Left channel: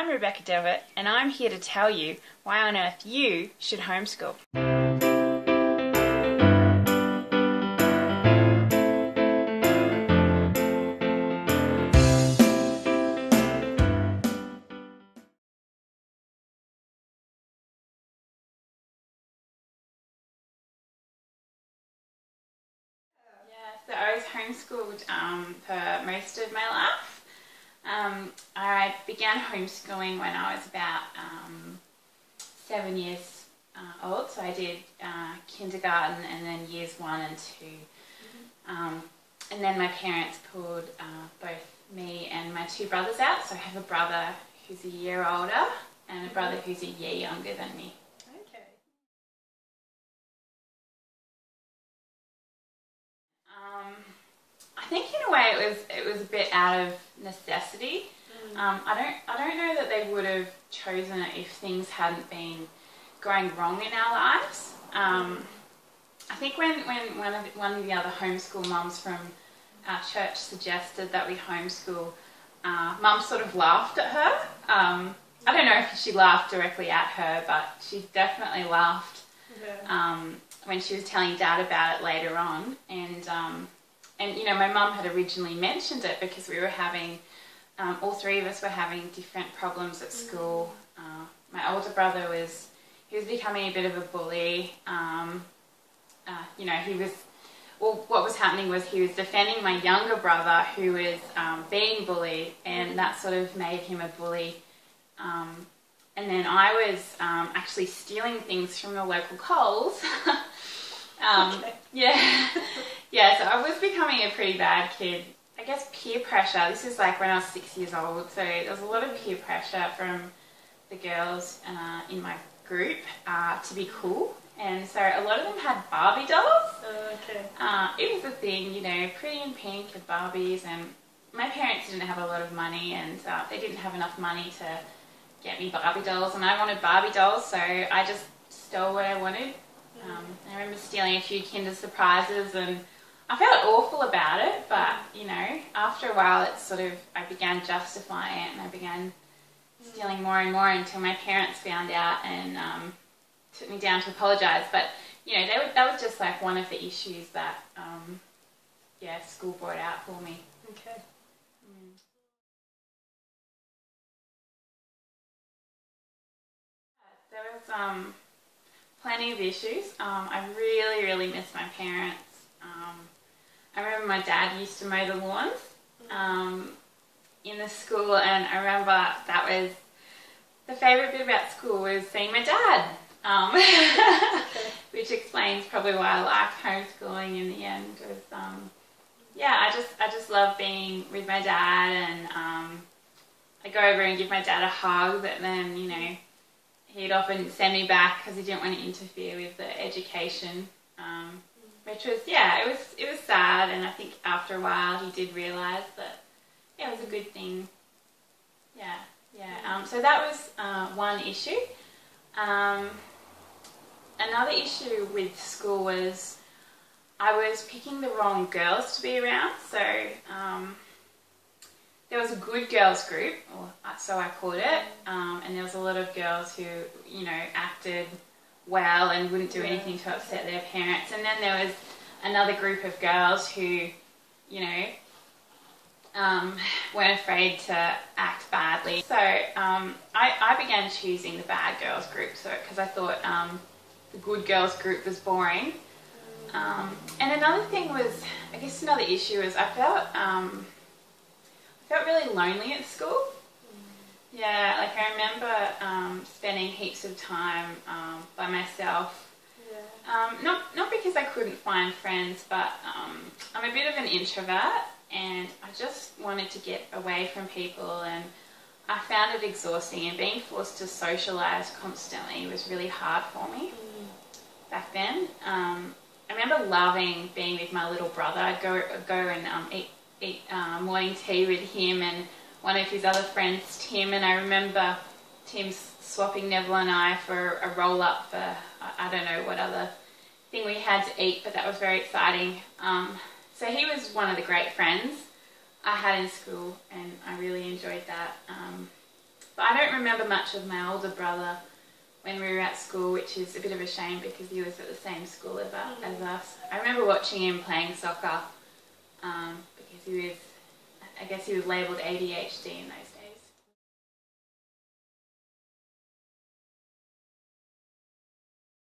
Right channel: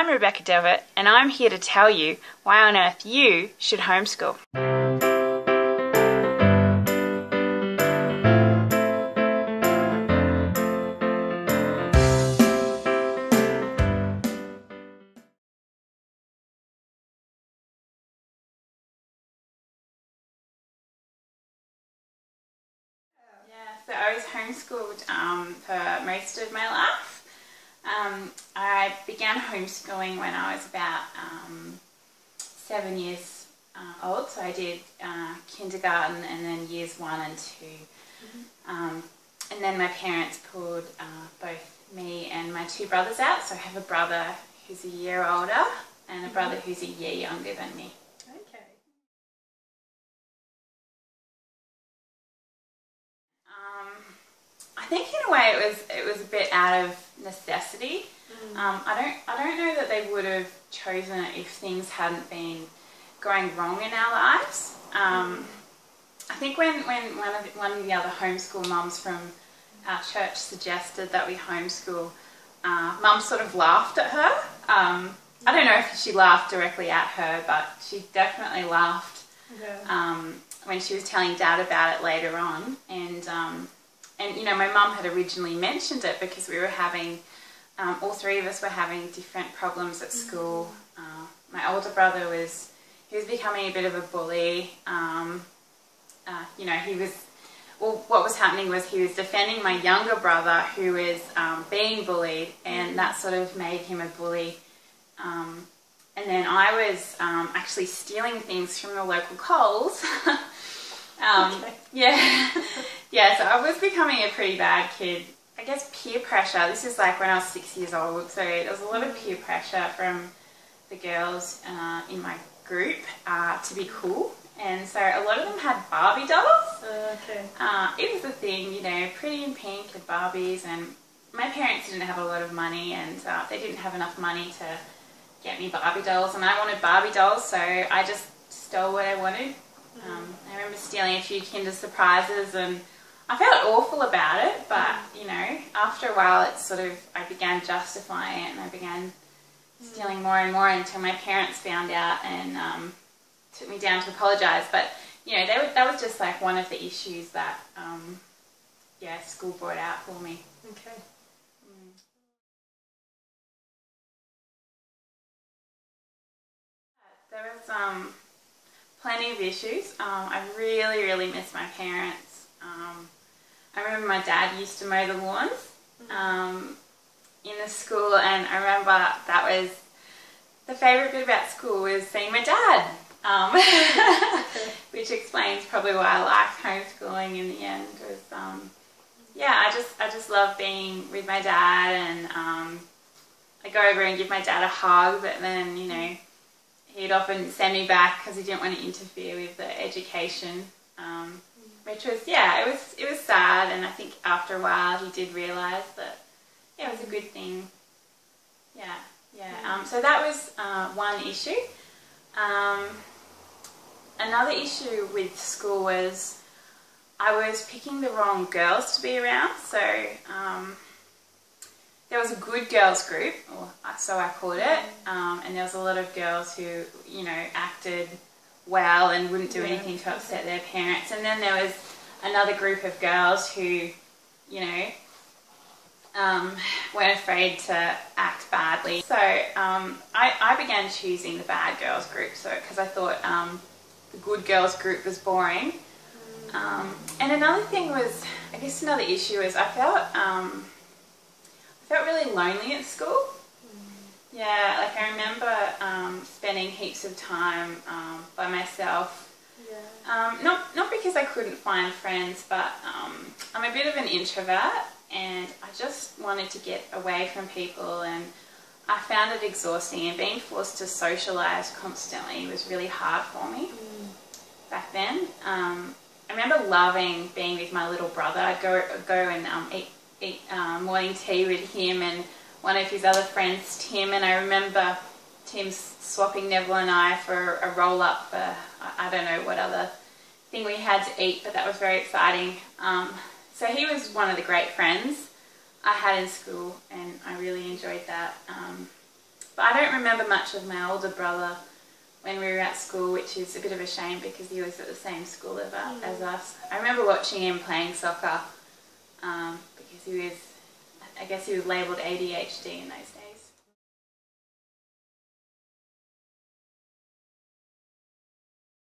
I'm Rebbecca Devitt, and I'm here to tell you why on earth you should homeschool. So I was homeschooled for most of my life. I began homeschooling when I was about 7 years old, so I did kindergarten and then years 1 and 2. And then my parents pulled both me and my 2 brothers out, so I have a brother who's a year older and a brother who's a year younger than me. I think in a way it was a bit out of necessity. I don't know that they would have chosen it if things hadn't been going wrong in our lives. I think when one of the other homeschool mums from our church suggested that we homeschool, Mum sort of laughed at her. I don't know if she laughed directly at her, but she definitely laughed when she was telling Dad about it later on. And you know, my mum had originally mentioned it because we were having, all 3 of us were having different problems at school. My older brother was becoming a bit of a bully. You know, what was happening was he was defending my younger brother who was being bullied, and that sort of made him a bully. And then I was actually stealing things from the local Coles. Yeah, so I was becoming a pretty bad kid. I guess peer pressure, this is like when I was 6 years old, so there was a lot of peer pressure from the girls in my group to be cool. And so a lot of them had Barbie dolls. It was a thing, you know, pretty in pink and Barbies, and my parents didn't have a lot of money, and they didn't have enough money to get me Barbie dolls, and I wanted Barbie dolls, so I just stole what I wanted. I remember stealing a few Kinder Surprises, and I felt awful about it, but you know, after a while I began justifying it, and I began stealing more and more until my parents found out and took me down to apologise. But you know, that was just like one of the issues that school brought out for me. There was plenty of issues. I really miss my parents. I remember my dad used to mow the lawns in the school, and I remember that was the favourite bit about school was seeing my dad, which explains probably why I liked homeschooling in the end. Was I just love being with my dad, and I go over and give my dad a hug, but then you know, he'd often send me back because he didn't want to interfere with the education, which was, it was sad, and I think after a while he did realise that, it was a good thing. So that was one issue. Another issue with school was I was picking the wrong girls to be around, so there was a good girls group, or so I called it, and there was a lot of girls who, you know, acted well and wouldn't do anything to upset their parents. And then there was another group of girls who, you know, weren't afraid to act badly. So I began choosing the bad girls group, because I thought the good girls group was boring. And another thing was, I guess another issue is I felt really lonely at school. Yeah, like I remember spending heaps of time by myself. Not because I couldn't find friends, but I'm a bit of an introvert, and I just wanted to get away from people, and I found it exhausting, and being forced to socialise constantly was really hard for me back then. I remember loving being with my little brother. I'd go and eat morning tea with him and one of his other friends, Tim, and I remember Tim swapping Neville and I for a roll-up for, I don't know what other thing we had to eat, but that was very exciting. So he was one of the great friends I had in school, and I really enjoyed that. But I don't remember much of my older brother when we were at school, which is a bit of a shame because he was at the same school as us. I remember watching him playing soccer because he was, I guess he was labelled ADHD in those days.